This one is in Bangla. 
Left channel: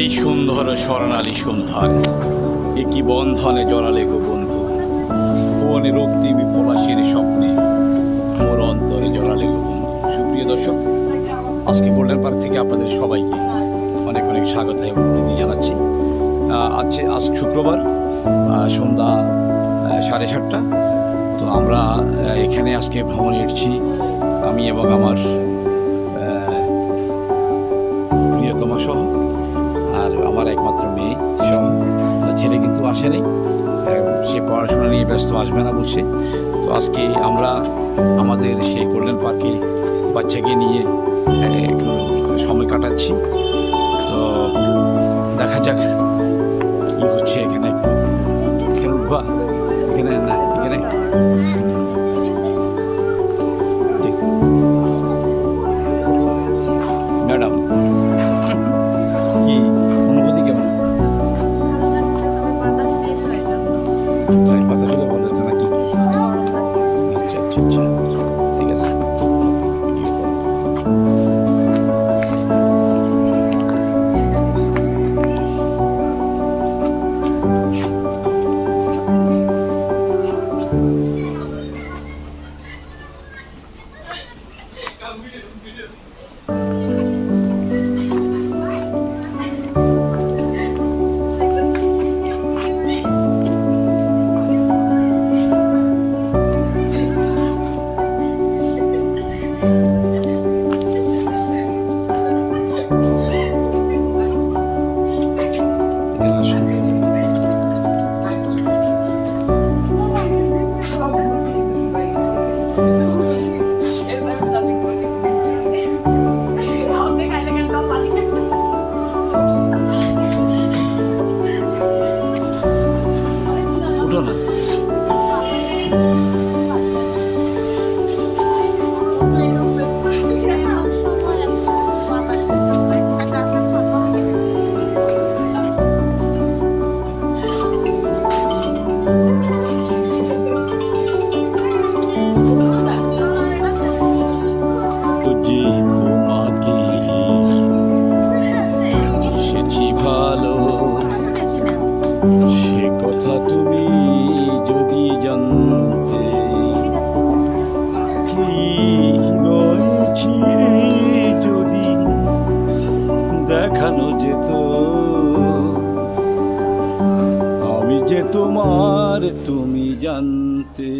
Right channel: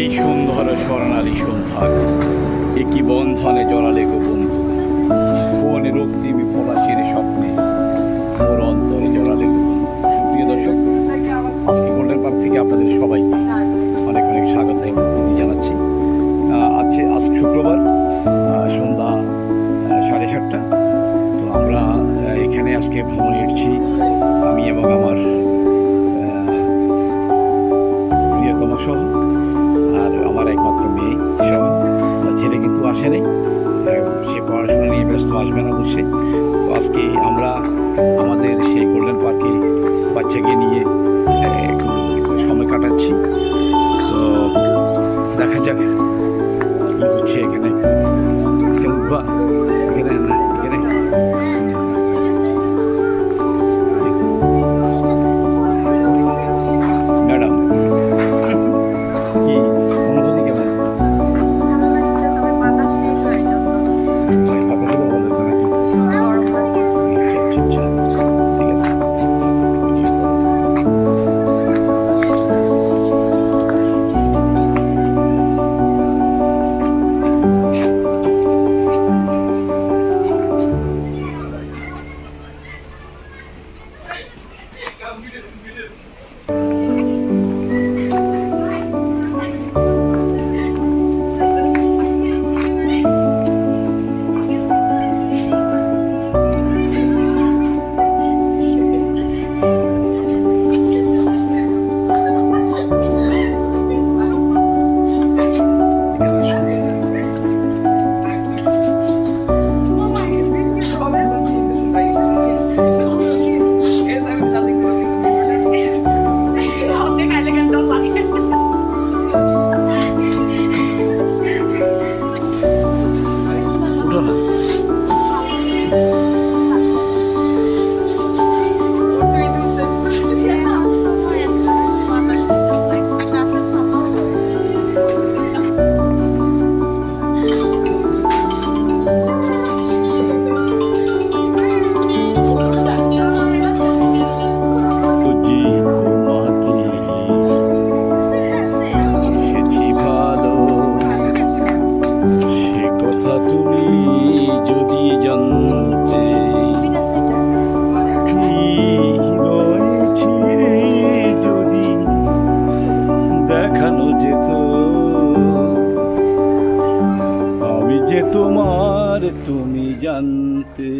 এই সুন্দর স্বর্ণালী সন্ধ্যায় একই বন্ধনে জড়ালে গো বন্ধু, কোন রক্তিম পলাশির স্বপ্নে মোর অন্তরে জড়ালে গো বন্ধু। সুপ্রিয় দর্শক, আজকে গোল্ডেন পার্ক থেকে আপনাদের সবাইকে অনেক অনেক স্বাগত এবং প্রীতি জানাচ্ছি। আজ শুক্রবার সন্ধ্যা 7:30। তো আমরা এখানে আজকে ভ্রমণে এসেছি, আমি এবং আমার প্রিয়তমা সহ, আর আমার একমাত্র মেয়ে সহ। ছেলে কিন্তু আসে নাই, সে পড়াশোনা নিয়ে ব্যস্ত, আসবে না বলছে। তো আজকে আমরা আমাদের সেই গোল্ডেন পার্কে বাচ্চাকে নিয়ে একটু সময় কাটাচ্ছি। তো দেখা যাক কী হচ্ছে এখানে। এখানে উঠবা, এখানে না, এখানে ম্যাডাম কি অনুভূতি কেমন? বাতাস হলে বলে তো নাকি? আচ্ছা আচ্ছা আচ্ছা, ঠিক আছে। উঠো না। সে কথা তুমি যদি জানতে, হৃদয়ে ছিঁড়ে যদি দেখানো যেত, আমি যে তোমার, তুমি জানতে।